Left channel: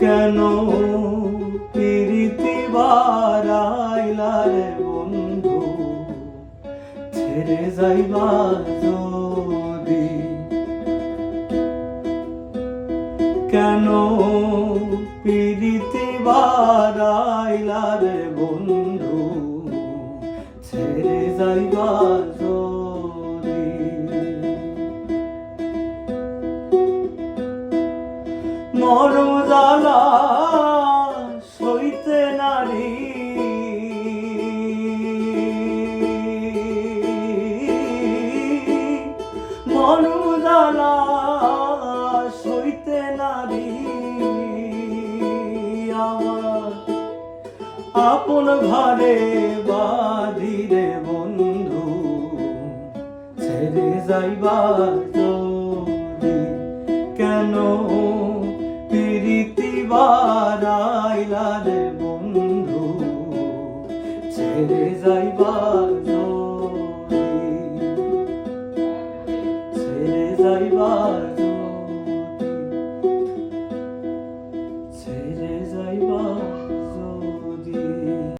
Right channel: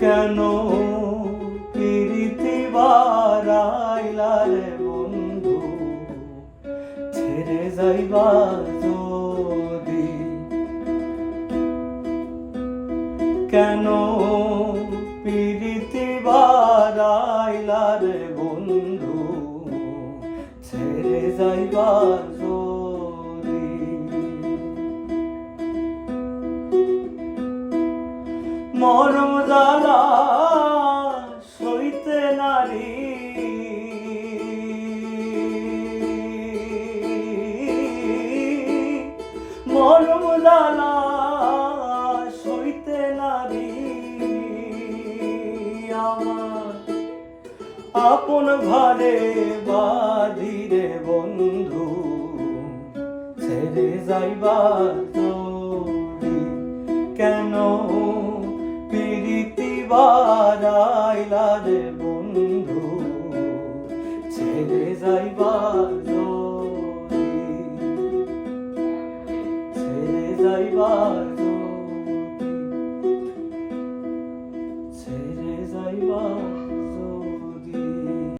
কেন প্রীতি বারাইলারে বন্ধু? ছেড়ে যাইবা যদি। কেন প্রীতি বারাইলারে বন্ধু? ছেড়ে যাইবা মরম জ্বালা সইতে নারী মরম সইতে নারী। আমার আপন ঘরে বাধিরে বন্ধু, ছেড়ে যাইবা যদি কেন প্রীতি বারাইলা রে বন্ধু ছেড়ে যাইবা ছেড়ে যাইবা